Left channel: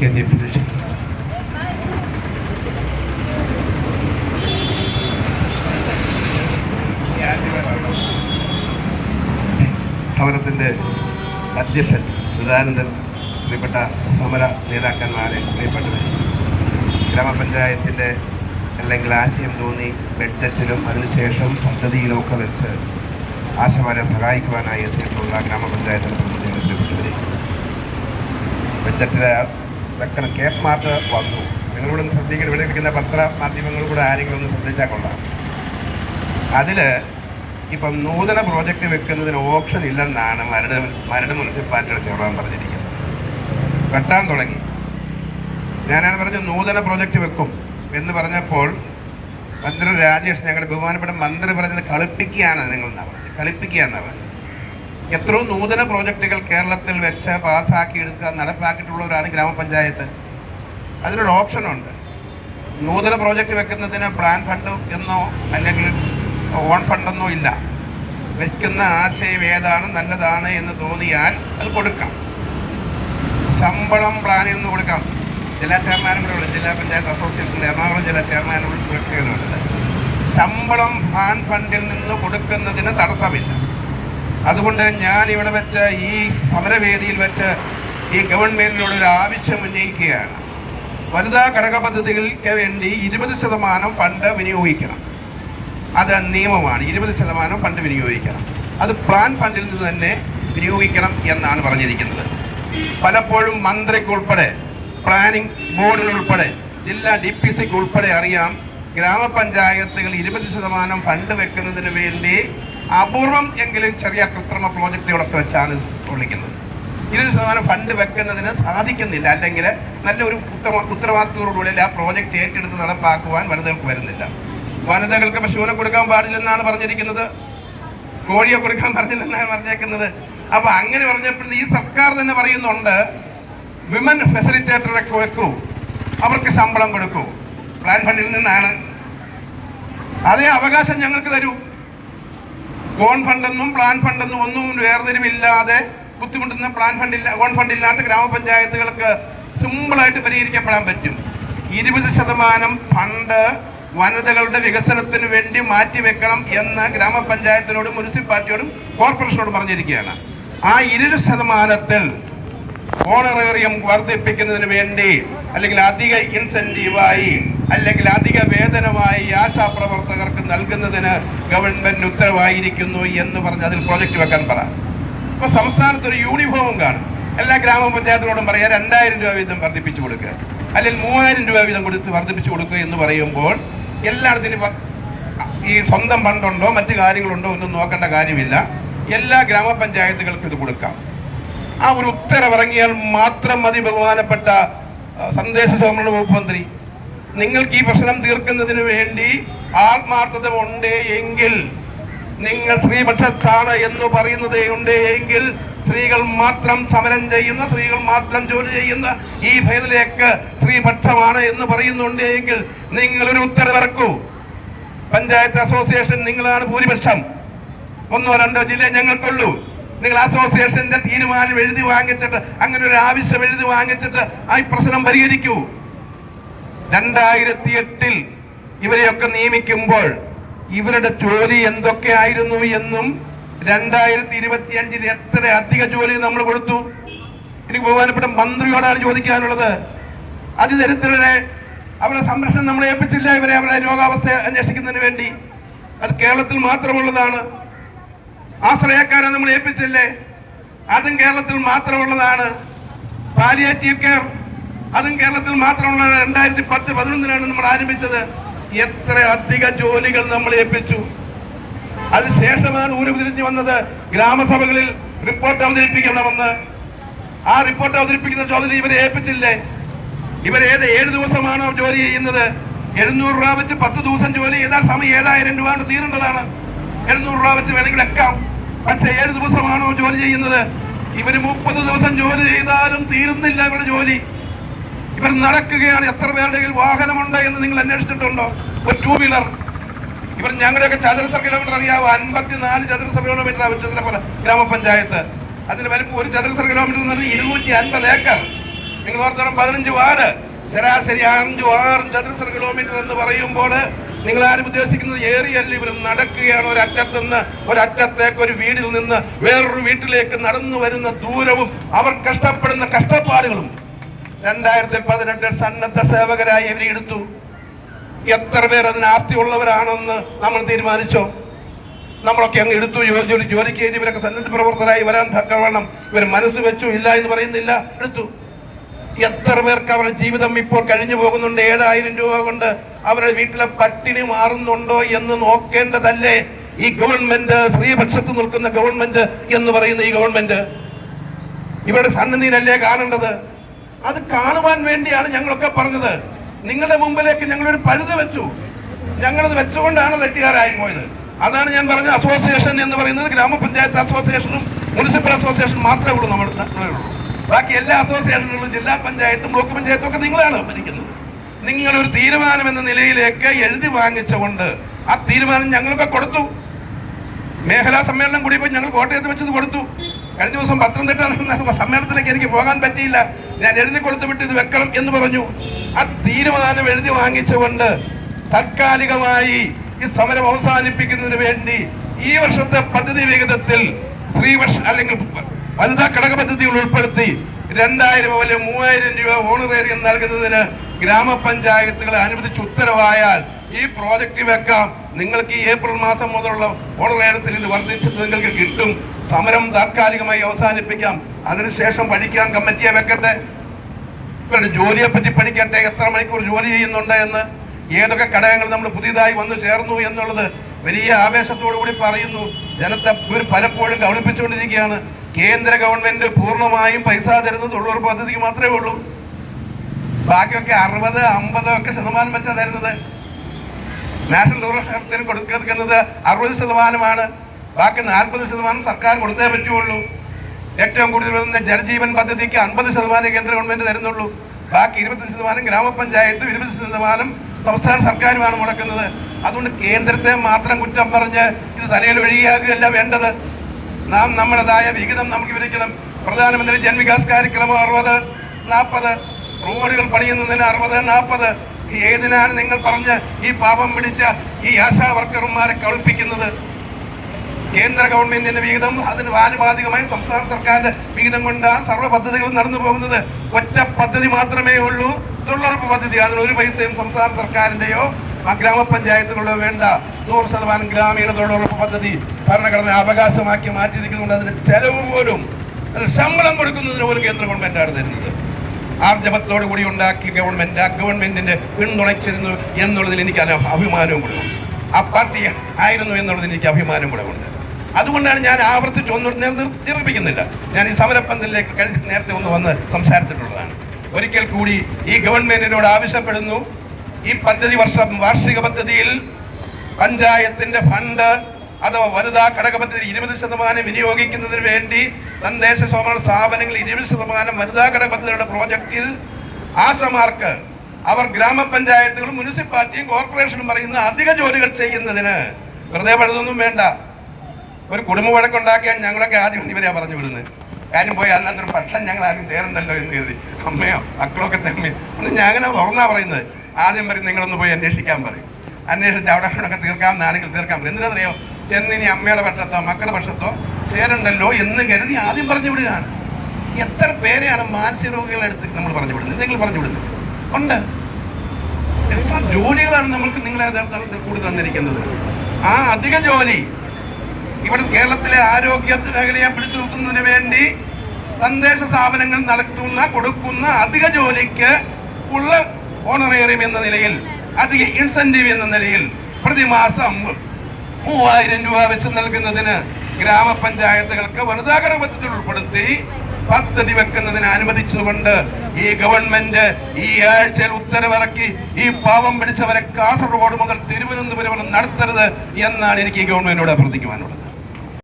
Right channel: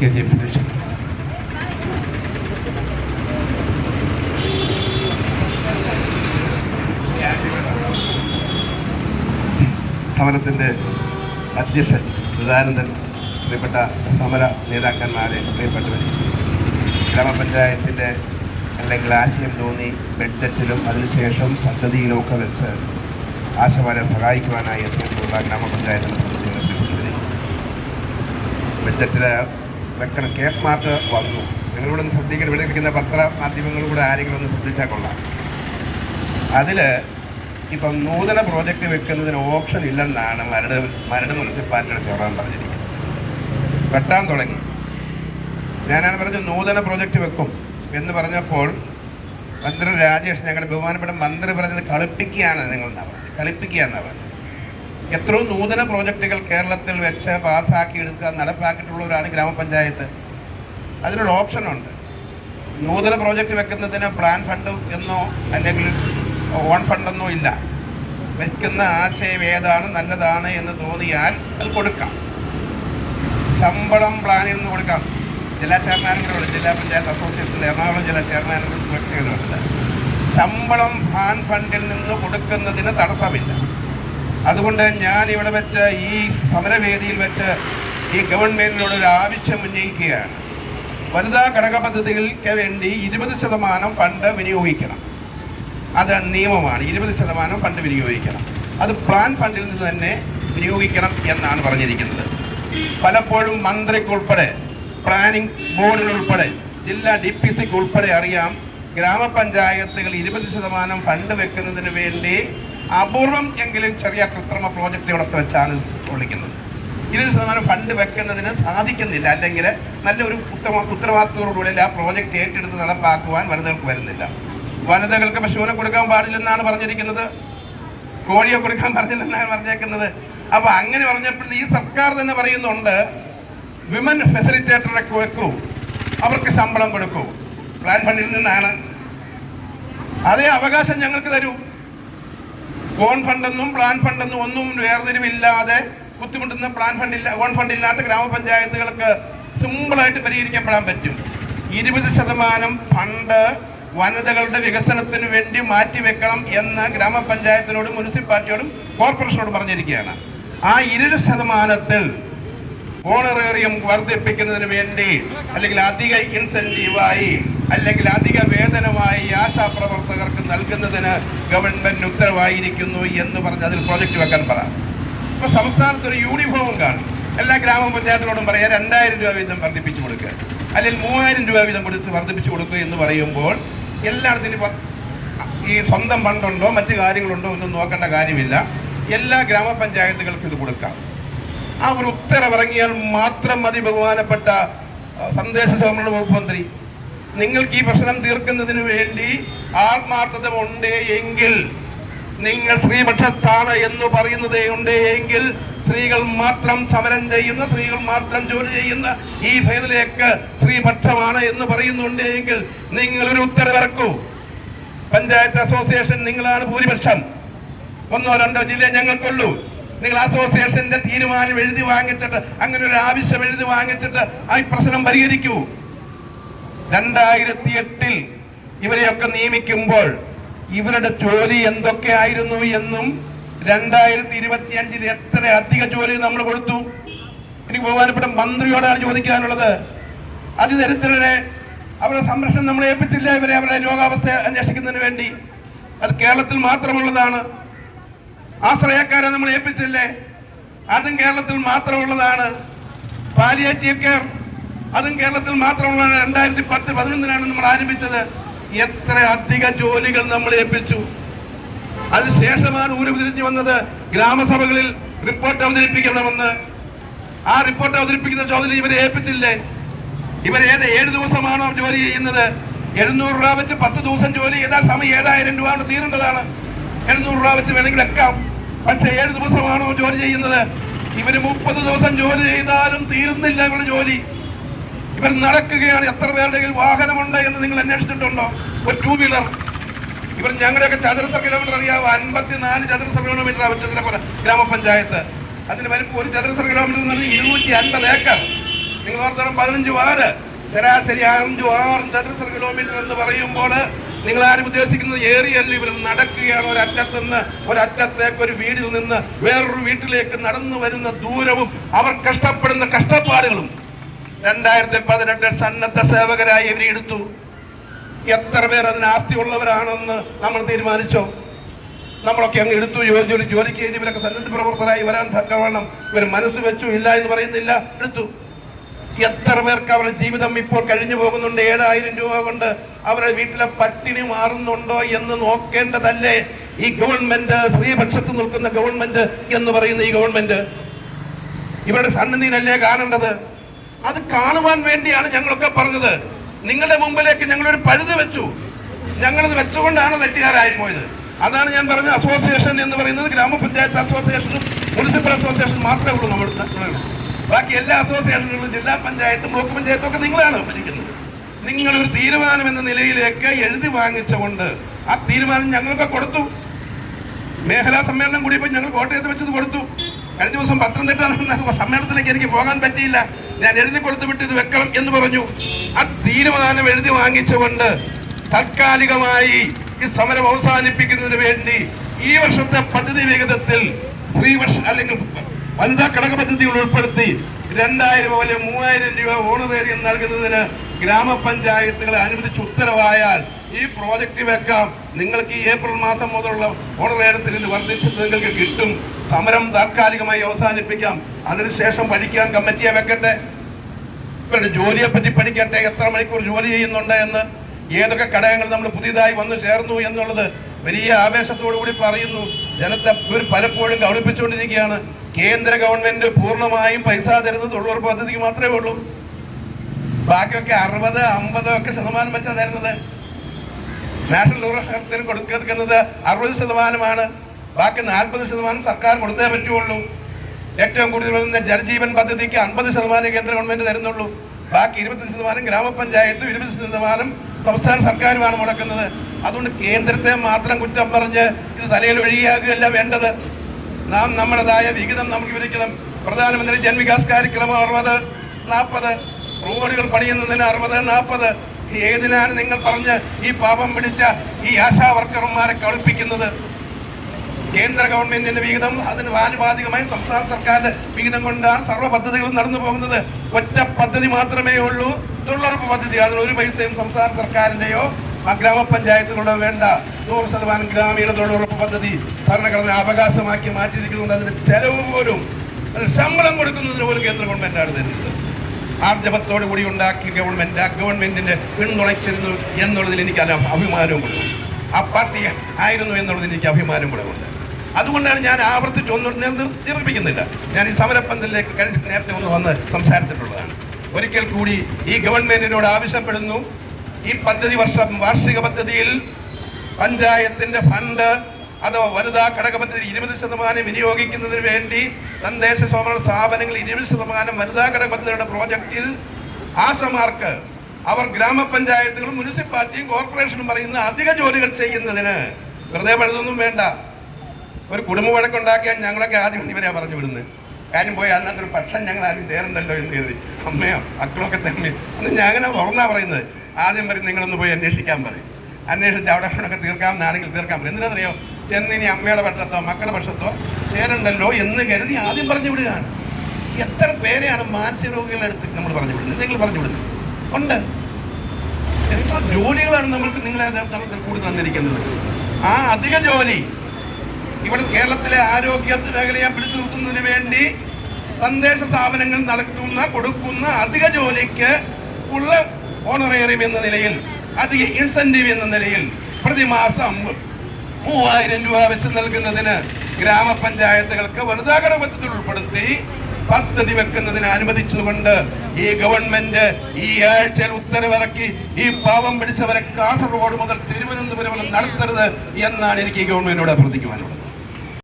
K സമരത്തിന്റെ അധ്യക്ഷൻ സദാനന്ദൻ പ്രിയപ്പെട്ട സമര നേതാക്കന്മാരെ പ്രിയപ്പെട്ടവർ ഗ്രാമപഞ്ചായത്തിന്റെ അല്ലെങ്കിൽ ആശയം തോന്നി ബഡ്ജറ്റിലും അതിനുശേഷം പദ്ധതിയിലുമൊക്കെ വെച്ച് ആശമാരെ സഹായിക്കുവാനായി എത്തിയിട്ടുള്ള ഗ്രാമപഞ്ചായത്തിന്റെ പ്രതിനിധികൾ പ്രിയപ്പെട്ടവരെ. വെക്കണം കെ സ്മാർട്ട് വന്നു. നിങ്ങളിവിടെ ഒന്ന് ശ്രദ്ധിക്കണം. ഇവിടെ ഇരിക്കുന്ന പത്ര മാധ്യമങ്ങളിലൂടെ ആരെങ്കിലും ഒന്ന് ശ്രദ്ധിച്ചാൽ കൊള്ളാം. അതിൽ ഇപ്പം നൂതന പ്രോജക്റ്റ് വെക്കുന്നതിന് ഓപ്ഷൻ ഇല്ലെന്നാണ് മരട് മരട് മുനിസിപ്പാലിറ്റിയുടെ ചെയർമാൻ പറഞ്ഞിരിക്കുന്നത്. വെട്ടാൻ തുടങ്ങി. ഞാനാണ് പറഞ്ഞത് നൂതന പ്രോജക്റ്റ് വെക്കും എന്ന് പറഞ്ഞപ്പോൾ മന്ത്രി രാജേഷ് ഞങ്ങളുടെ ബഹുമാനപ്പെട്ട മന്ത്രി പറഞ്ഞത് കളിപ്പിക്കുകയാണ് നിങ്ങൾ എന്നാണ് പറഞ്ഞത്. കളിപ്പിക്കുക എന്നാണ് പറഞ്ഞത്. എത്രയോ നൂതന പ്രോജക്റ്റുകൾ കേരളത്തിൽ വെച്ച് പാസ്സാക്കി എടുക്കുക നടപ്പാക്കിയിട്ടുള്ളവരാണ് ഗ്രാമപഞ്ചായത്ത്. അതിനൊരു ഓപ്ഷനുണ്ട്. നൂതന പ്രോജക്റ്റ് വെക്കുന്നതിന് പ്ലാൻ ഫണ്ട് എന്നോ അല്ലെങ്കിൽ ഓൺ ഫണ്ടെന്നോ ഇല്ല. വെക്കുന്ന ആശയം ഏതാണ് നല്ലതാണ് എന്ന് തോന്നിയാൽ അത് കൊടുക്കാം. ശമ്പളം പ്ലാൻ എന്ന് കൊടുക്കാം. ജില്ലാ ചെയർമാനോട് ജില്ലാ പഞ്ചായത്ത് അസോസിയേഷൻ എറണാകുളം ജില്ലാ ചെയർമാനോട് ശമ്പളം പ്ലാൻ ഫണ്ടിൽ നിന്ന് കൊടുക്കുന്നതിന് തടസ്സമില്ല. അതുകൊണ്ട് ഞാൻ ഇവിടെ വെച്ച് ഈ സമരവേദിയിൽ വെച്ച് ഈ ഗവൺമെന്റിനോട് ഒരു ആവശ്യം ഉന്നയിക്കുകയാണ്. വനിതാ ഘടക പദ്ധതികൾക്ക് വേണ്ടി ഇരുപത് ശതമാനം ഫണ്ട് വിനിയോഗിക്കണം. അത് നിയമമാണ്. ഇരുപത് ശതമാനം ഫണ്ട് വിനിയോഗിക്കണം. അത് പ്ലാൻ ഫണ്ടിൽ നിന്ന് തന്നെ വിനിയോഗിക്കണം എന്നാണ് പറഞ്ഞിരിക്കുന്നത്. പലപ്പോഴും മന്ത്രിക്കുൾപ്പെടെ പ്ലാനിംഗ് ബോർഡിനുൾപ്പെടെ ജില്ലാ ഡി പി സിക്ക് ഉൾപ്പെടെ അറിയാം ഗ്രാമപഞ്ചായത്തുകൾ ഇരുപത് ശതമാനം ഫണ്ട് വെക്കുന്നതിന് വേണ്ടി അപൂർവം എങ്കിലും ചെറിയ കൃത്രിമ പ്രോജക്റ്റുകളൊക്കെ വെച്ചാണ് വിളിക്കുന്നത് ഇരുപത് ശതമാനം ഫണ്ട് വെക്കുന്നതിന് സാധിക്കുന്നില്ല. അല്ലെങ്കിൽ നല്ലൊരു ഉത്തമ ഉത്തരവാദിത്തത്തോടുകൂടി ആ പ്രോജക്റ്റ് ഏറ്റെടുത്ത് നടപ്പാക്കുവാൻ വനിതകൾക്ക് വരുന്നില്ല. വനിതകൾക്ക് പശുവിനെ കൊടുക്കാൻ പാടില്ലെന്നാണ് പറഞ്ഞിരിക്കുന്നത്. കോഴിയെ കൊടുക്കാൻ പറഞ്ഞില്ലെന്നാണ് പറഞ്ഞേക്കുന്നത്. അപ്പോൾ അങ്ങനെ പറഞ്ഞപ്പോൾ ഈ സർക്കാർ തന്നെ പറയുന്നുണ്ട് വിമൻ ഫെസിലിറ്റേറ്ററെ വെക്കൂ അവർക്ക് ശമ്പളം കൊടുക്കൂ. പ്ലാൻ ഫണ്ടിൽ നിന്നാണ്. അതേ അവകാശം ഞങ്ങൾക്ക് തരൂ. ഓൺ ഫണ്ടെന്നും പ്ലാൻ ഫണ്ടെന്നും ഒന്നും വേർതിരിവില്ലാതെ ബുദ്ധിമുട്ടുന്ന പ്ലാൻ ഫണ്ടില്ല ഓൺ ഫണ്ടില്ലാത്ത ഗ്രാമപഞ്ചായത്തുകൾക്ക് സിമ്പിളായിട്ട് പരിഹരിക്കപ്പെടാൻ പറ്റും. ഇരുപത് ശതമാനം ഫണ്ട് വനിതകളുടെ വികസനത്തിന് വേണ്ടി മാറ്റിവെക്കണം എന്ന് ഗ്രാമപഞ്ചായത്തിനോടും മുനിസിപ്പാലിറ്റിയോടും കോർപ്പറേഷനോടും പറഞ്ഞിരിക്കുകയാണ്. ആ ഇരുപത് ശതമാനത്തിൽ ഓണറേറിയം വർദ്ധിപ്പിക്കുന്നതിന് വേണ്ടി അല്ലെങ്കിൽ അധിക ഇൻസെന്റീവായി അല്ലെങ്കിൽ അധിക വേതനമായി ആശാപ്രവർത്തകർക്ക് നൽകുന്നതിന് ഗവൺമെന്റ് ഉത്തരവായിരിക്കുന്നു എന്ന് പറഞ്ഞ് അതിൽ പ്രോജക്റ്റ് വെക്കാൻ പറ. ഇപ്പൊ സംസ്ഥാനത്ത് ഒരു യൂണിഫോമും കാണും. എല്ലാ ഗ്രാമപഞ്ചായത്തിനോടും പറയാം രണ്ടായിരം രൂപ വീതം വർദ്ധിപ്പിച്ചു കൊടുക്കുക അല്ലെങ്കിൽ മൂവായിരം രൂപ വീതം കൊടുത്ത് വർദ്ധിപ്പിച്ചു കൊടുക്കുക എന്ന് പറയുമ്പോൾ എല്ലായിടത്തിനും ഈ സ്വന്തം ഫണ്ടുണ്ടോ മറ്റു കാര്യങ്ങളുണ്ടോ ഒന്നും നോക്കേണ്ട കാര്യമില്ല. എല്ലാ ഗ്രാമപഞ്ചായത്തുകൾക്കും ഇത് കൊടുക്കാം. ആ ഒരു ഉത്തരവിറങ്ങിയാൽ മാത്രം മതി ബഹുമാനപ്പെട്ട സന്ദേശ സംരക്ഷണ വകുപ്പ് മന്ത്രി. നിങ്ങൾക്ക് ഈ പ്രശ്നം തീർക്കുന്നതിന് വേണ്ടി ആത്മാർത്ഥത ഉണ്ട് എങ്കിൽ നിങ്ങൾ സ്ത്രീപക്ഷത്താണ് എന്ന് പറയുന്നതേ ഉണ്ടേ എങ്കിൽ സ്ത്രീകൾ മാത്രം സമരം ചെയ്യുന്ന സ്ത്രീകൾ മാത്രം ജോലി ചെയ്യുന്ന ഈ ഭേദത്തിലേക്ക് സ്ത്രീപക്ഷമാണ് എന്ന് പറയുന്നുണ്ട് എങ്കിൽ നിങ്ങളൊരു ഉത്തരവിറക്കൂ. പഞ്ചായത്ത് അസോസിയേഷൻ നിങ്ങളാണ് ഭൂരിപക്ഷം. ഒന്നോ രണ്ടോ ജില്ല ഞങ്ങൾക്കുള്ളൂ. നിങ്ങൾ അസോസിയേഷന്റെ തീരുമാനം എഴുതി വാങ്ങിച്ചിട്ട് അങ്ങനെ ഒരു ആവശ്യം എഴുതി വാങ്ങിച്ചിട്ട് ആ പ്രശ്നം പരിഹരിക്കൂ. രണ്ടായിരത്തി എട്ടിൽ ഇവരെയൊക്കെ നിയമിക്കുമ്പോൾ ഇവരുടെ ജോലി എന്തൊക്കെയായിരുന്നു എന്നും രണ്ടായിരത്തി ഇരുപത്തി അഞ്ചിൽ എത്ര അധിക ജോലി നമ്മൾ കൊടുത്തു? എനിക്ക് ബഹുമാനപ്പെട്ട മന്ത്രിയോടാണ് ചോദിക്കാനുള്ളത്. അതിദരിദ്രരെ അവരുടെ സംരക്ഷണം നമ്മൾ ഏൽപ്പിച്ചില്ല ഇവരെ അവരുടെ രോഗാവസ്ഥ അന്വേഷിക്കുന്നതിന് വേണ്ടി. അത് കേരളത്തിൽ മാത്രമുള്ളതാണ്. ആശ്രയക്കാരെ നമ്മൾ ഏൽപ്പിച്ചില്ലേ? അതും കേരളത്തിൽ മാത്രമുള്ളതാണ്. പാലിയേറ്റീവ് കെയർ അതും കേരളത്തിൽ മാത്രമുള്ളതാണ്. രണ്ടായിരത്തി പത്ത് പതിനൊന്നിലാണ് നമ്മൾ ആരംഭിച്ചത്. എത്ര അധിക ജോലികൾ നമ്മൾ ഏൽപ്പിച്ചു. അതിനുശേഷമാണ് ഊരുതിരിഞ്ഞു വന്നത് ഗ്രാമസഭകളിൽ റിപ്പോർട്ട് അവതരിപ്പിക്കണമെന്ന് ആ റിപ്പോർട്ട് അവതരിപ്പിക്കുന്ന ചുമതല ഇവരെ ഏൽപ്പിച്ചില്ലേ? ഇവരേത് ഏഴ് ദിവസമാണോ ജോലി ചെയ്യുന്നത്? എഴുന്നൂറ് രൂപ വെച്ച് പത്ത് ദിവസം ജോലി ചെയ്താൽ സമയം ഏഴായിരം രൂപ തീരേണ്ടതാണ് എഴുന്നൂറ് രൂപ വെച്ച് വേണമെങ്കിൽ വെക്കാം പക്ഷേ ഏഴ് ദിവസമാണോ ജോലി ചെയ്യുന്നത്? ഇവർ മുപ്പത് ദിവസം ജോലി ചെയ്താലും തീരുന്നില്ല ഇവരുടെ ജോലി. ഇവർ നടക്കുകയാണ് എത്ര പേരുടെ കയ്യിൽ വാഹനമുണ്ട് എന്ന് നിങ്ങൾ അന്വേഷിച്ചിട്ടുണ്ടോ? ഒരു ടൂ വീലർ ഇവർ ഞങ്ങളുടെയൊക്കെ ചതുരശ്ര കിലോമീറ്റർ അറിയാവോ? അൻപത്തിനാല് ചതുരശ്ര കിലോമീറ്റർ ആവശ്യത്തിന് ഗ്രാമപഞ്ചായത്ത്. അതിന് വരുമ്പോൾ ഒരു ചതുരശ്ര കിലോമീറ്റർ എന്ന് പറഞ്ഞാൽ ഇരുന്നൂറ്റി അൻപത് ഏക്കർ. നിങ്ങൾ ഓർത്തോളം പതിനഞ്ച് വാർഡ്. ശരാശരി അഞ്ചു ആറും ചതുരശ്ര കിലോമീറ്റർ എന്ന് പറയുമ്പോൾ നിങ്ങൾ ആരും ഉദ്ദേശിക്കുന്നത് ഏറിയല്ല ഇവർ നടക്കുകയാണ്. ഒരറ്റത്തുനിന്ന് ഒരറ്റത്തേക്ക് ഒരു വീടിൽ നിന്ന് വേറൊരു വീട്ടിലേക്ക് നടന്നു വരുന്ന ദൂരവും അവർ കഷ്ടപ്പെടുന്ന കഷ്ടപ്പാടുകളും രണ്ടായിരത്തി പതിനെട്ട് സന്നദ്ധ സേവകരായി ഇവരെ എടുത്തു. എത്ര പേർ അതിന് ആസ്തിയുള്ളവരാണെന്ന് നമ്മൾ തീരുമാനിച്ചോ? നമ്മളൊക്കെ അങ്ങ് എടുത്തു. ജോലി ജോലി ജോലിക്ക് ചെയ്ത് ഇവരൊക്കെ സന്നദ്ധ പ്രവർത്തകരായി വരാൻ തക്കവണ്ണം ഇവർ മനസ്സ് വെച്ചു ഇല്ല എന്ന് പറയുന്നില്ല എടുത്തു. എത്ര പേർക്ക് അവരുടെ ജീവിതം ഇപ്പോൾ കഴിഞ്ഞു പോകുന്നുണ്ട്? ഏഴായിരം രൂപ കൊണ്ട് അവരുടെ വീട്ടിലെ പട്ടിണി മാറുന്നുണ്ടോ എന്ന് നോക്കേണ്ടതല്ലേ? ഈ ഗവൺമെന്റ് സ്ത്രീപക്ഷത്ത് നിൽക്കുന്ന ഗവൺമെന്റ് എന്ന് പറയുന്ന ഈ ഗവൺമെന്റ്. ഇവരുടെ സന്നദ്ധിയിലല്ലേ കാണേണ്ടത്? അത് കാണുവാൻ വേണ്ടിയാണ് ഞങ്ങളൊക്കെ പറഞ്ഞത്. നിങ്ങളുടെ മുമ്പിലേക്ക് ഞങ്ങളൊരു പഴുത് വെച്ചു. ഞങ്ങളത് വെച്ചുകൊണ്ടാണ് തെറ്റുകാരായി പോയത്. അതാണ് ഞാൻ പറഞ്ഞത് അസോസിയേഷൻ എന്ന് പറയുന്നത് ഗ്രാമപഞ്ചായത്ത് അസോസിയേഷനും മുനിസിപ്പൽ അസോസിയേഷനും മാത്രമേ ഉള്ളൂ നമ്മൾ. ബാക്കി എല്ലാ അസോസിയേഷനുകളും ജില്ലാ പഞ്ചായത്തും ബ്ലോക്ക് പഞ്ചായത്തും ഒക്കെ നിങ്ങളാണ് ഭരിക്കുന്നത്. നിങ്ങളൊരു തീരുമാനം എന്ന നിലയിലേക്ക് എഴുതി വാങ്ങിച്ചുകൊണ്ട് ആ തീരുമാനം ഞങ്ങൾക്ക് കൊടുത്തു. മേഖലാ സമ്മേളനം കൂടിയപ്പോൾ ഞങ്ങൾ കോട്ടയത്ത് വെച്ചത് കൊടുത്തു. കഴിഞ്ഞ ദിവസം പത്തനംതിട്ട സമ്മേളനത്തിലേക്ക് എനിക്ക് പോകാൻ പറ്റിയില്ല. ഞാൻ എഴുതി കൊടുത്തു വിട്ട് ഇത് വെക്കണം എന്ന് പറഞ്ഞു. ആ തീരുമാനം എഴുതി വാങ്ങിച്ചുകൊണ്ട് താൽക്കാലികമായി ഈ സമരം അവസാനിപ്പിക്കുന്നതിന് വേണ്ടി ഈ വർഷത്തെ പദ്ധതി വിഹിതത്തിൽ ശ്രീവർഷ അല്ലെങ്കിൽ വനിതാ ഘടക പദ്ധതികൾ ഉൾപ്പെടുത്തി രണ്ടായിരം മുതൽ മൂവായിരം രൂപ ഓണറേറിയം നൽകുന്നതിന് ഗ്രാമപഞ്ചായത്തുകളെ അനുവദിച്ച് ഉത്തരവായാൽ ഈ പ്രോജക്റ്റ് വെക്കാം. നിങ്ങൾക്ക് ഈ ഏപ്രിൽ മാസം മുതലുള്ള ഓണറേറിയത്തിൽ ഇത് വർദ്ധിച്ചത് നിങ്ങൾക്ക് കിട്ടും. സമരം താൽക്കാലികമായി അവസാനിപ്പിക്കാം. അതിനുശേഷം പഠിക്കാൻ കമ്മിറ്റിയെ വെക്കട്ടെ. ഇവരുടെ ജോലിയെ പറ്റി പഠിക്കട്ടെ. എത്ര മണിക്കൂർ ജോലി ചെയ്യുന്നുണ്ട് എന്ന്. ഏതൊക്കെ ഘടകങ്ങൾ നമ്മൾ പുതിയതായി വന്ന് ചേർന്നു എന്നുള്ളത് വലിയ ആവേശത്തോടു കൂടി പറയുന്നു. ജനത്തെ ഇവർ പലപ്പോഴും കവണിപ്പിച്ചുകൊണ്ടിരിക്കുകയാണ് കേന്ദ്ര ഗവൺമെന്റ് പൂർണമായും പൈസ തരുന്നത് തൊഴിലുറപ്പ് പദ്ധതിക്ക് മാത്രമേ ഉള്ളൂ. ബാക്കിയൊക്കെ അറുപത് അമ്പത് ഒക്കെ ശതമാനം വെച്ചാ തരുന്നത്. നാഷണൽ റൂറൽ ഹെൽത്തിന് കൊടുക്കുന്നത് അറുപത് ശതമാനമാണ്. ബാക്കി നാൽപ്പത് ശതമാനം സർക്കാർ കൊടുത്തേ പറ്റുള്ളൂ. ഏറ്റവും കൂടുതൽ വരുന്ന ജലജീവൻ പദ്ധതിക്ക് അൻപത് ശതമാനം കേന്ദ്ര ഗവൺമെന്റ് തരുന്നുള്ളൂ. ബാക്കി ഇരുപത്തി ശതമാനം ഗ്രാമപഞ്ചായത്തും ഇരുപത് ശതമാനം സംസ്ഥാന സർക്കാരുമാണ് മുടക്കുന്നത്. അതുകൊണ്ട് കേന്ദ്രത്തെ മാത്രം കുറ്റം പറഞ്ഞ് ഇത് തലയിൽ ഒഴിയാകുകയല്ല വേണ്ടത്. നാം നമ്മുടേതായ വിഹിതം നമുക്ക് വിധിക്കണം പ്രധാനമന്ത്രി ജൻവികാസ് കാര്യക്രമം അറുപത് നാൽപ്പത് റോഡുകൾ പണിയുന്നതിന് അറുപത് നാൽപ്പത് ഏതിനാണ് നിങ്ങൾ പറഞ്ഞ് ഈ പാപം പിടിച്ച ഈ ആശാ വർക്കർമാരെ കളിപ്പിക്കുന്നത് കേന്ദ്ര ഗവൺമെന്റിന്റെ വിഹിതം അതിന് ആനുപാതികമായി സംസ്ഥാന സർക്കാരിന്റെ വിഹിതം കൊണ്ടാണ് സർവ പദ്ധതികളും നടന്നു പോകുന്നത്. ഒറ്റ പദ്ധതി മാത്രമേ ഉള്ളൂ. തൊഴിലുറപ്പ് പദ്ധതി. അതിന് ഒരു പൈസയും സംസ്ഥാന സർക്കാരിന്റെയോ ആ ഗ്രാമപഞ്ചായത്തിലൂടെ വേണ്ട നൂറ് ശതമാനം ഗ്രാമീണ തൊഴിലുറപ്പ് പദ്ധതി ഭരണഘടന അവകാശമാക്കി മാറ്റിയിരിക്കുന്നുണ്ട്. അതിന് ചെലവ് പോലും അതിന് ശമ്പളം കൊടുക്കുന്നതിന് പോലും കേന്ദ്ര ഗവൺമെന്റാണ് തരുന്നത്? ആർജവത്തോടു കൂടി ഉണ്ടാക്കിയ ഗവൺമെന്റ് ആ ഗവൺമെന്റിന്റെ പിന്തുണച്ചിരുന്നു എന്നുള്ളതിൽ എനിക്ക് അഭിമാനവും ആ പാർട്ടി ആയിരുന്നു എന്നുള്ളതിൽ എനിക്ക് അഭിമാനം കൂടെ ഉണ്ട് അതുകൊണ്ടാണ് ഞാൻ ആവർത്തിച്ച് ഒന്നും ഞാൻ നിർത്തിപ്പിക്കുന്നില്ല ഞാൻ ഈ സമരപ്പന്തലിലേക്ക് കഴിഞ്ഞ നേരത്തെ ഒന്ന് വന്ന് സംസാരിച്ചിട്ടുള്ളതാണ്. ഒരിക്കൽ കൂടി ഈ ഗവൺമെന്റിനോട് ആവശ്യപ്പെടുന്നു. ഈ പദ്ധതി വർഷം വാർഷിക പദ്ധതിയിൽ പഞ്ചായത്തിന്റെ ഫണ്ട് അഥവാ വനിതാ ഘടക പദ്ധതി ഇരുപത് ശതമാനം വിനിയോഗിക്കുന്നതിന് വേണ്ടി തദ്ദേശ സ്വയംഭരണ സ്ഥാപനങ്ങൾ ഇരുപത് ശതമാനം വനിതാ ഘടക പദ്ധതിയുടെ പ്രോജക്റ്റിൽ ആസമാർക്ക് അവർ ഗ്രാമപഞ്ചായത്തുകളും മുനിസിപ്പാലിറ്റിയും കോർപ്പറേഷനും പറയുന്ന അധിക ജോലികൾ ചെയ്യുന്നതിന് വെറുതെ പഴുതൊന്നും വേണ്ട. ഒരു കുടുംബ വഴക്കുണ്ടാക്കിയാൽ ഞങ്ങളൊക്കെ ആദ്യം ഇവരെയാ പറഞ്ഞു വിടുന്നത്. കാര്യം പോയി അന്നത്തെ ഒരു പക്ഷം ഞങ്ങൾ ആരും ചേരുന്നല്ലോ എന്ന് കരുതി. അമ്മയോ മക്കളൊക്കെ തന്നെ ഞാൻ അങ്ങനെ തുറന്നാ പറയുന്നത്. ആദ്യം പറയും നിങ്ങളൊന്ന് പോയി അന്വേഷിക്കാൻ പറയും. അന്വേഷിച്ച് അവിടെ തീർക്കാം തീർക്കാവുന്നതാണെങ്കിൽ തീർക്കാൻ പറയും. എന്തിനറിയോ ചെന്നിനി അമ്മയുടെ പക്ഷത്തോ മക്കളുടെ പക്ഷത്തോ ചേരണ്ടല്ലോ എന്ന് കരുതി ആദ്യം പറഞ്ഞു വിടുകയാണ്. എത്ര പേരെയാണ് മാനസിക രോഗികളെ എടുത്തിട്ട് നമ്മൾ പറഞ്ഞു വിടുന്നത്? നിങ്ങൾ പറഞ്ഞു വിടുന്നത്. ഉണ്ട്. എത്ര ജോലികളാണ് നമ്മൾക്ക് നിങ്ങളെ കൂടി തന്നിരിക്കുന്നത്. ആ അധിക ജോലി ഇവിടെ കേരളത്തിലെ ആരോഗ്യ മേഖലയെ പിടിച്ചു നിർത്തുന്നതിന് വേണ്ടി സന്ദേശ സ്ഥാപനങ്ങൾ നടത്തുന്ന കൊടുക്കുന്ന അധിക ജോലിക്ക് ഉള്ള ഓണറേറിയം എന്ന നിലയിൽ അധിക ഇൻസെന്റീവ് എന്ന നിലയിൽ പ്രതിമാസം മൂവായിരം രൂപ വെച്ച് നൽകുന്നതിന് ഗ്രാമപഞ്ചായത്തുകൾക്ക് വനിതാകര പദ്ധതിയിൽ ഉൾപ്പെടുത്തി പദ്ധതി വെക്കുന്നതിന് അനുവദിച്ചുകൊണ്ട് ഈ ഗവൺമെന്റ് ഈ ആഴ്ചയിൽ ഉത്തരവിറക്കി ഈ പാവം പിടിച്ചവരെ കാസർഗോഡ് മുതൽ തിരുവനന്തപുരം നടത്തരുത് എന്നാണ് എനിക്ക് ഈ ഗവൺമെന്റിനോട് അഭ്യർത്ഥിക്കുവാനുള്ളത്.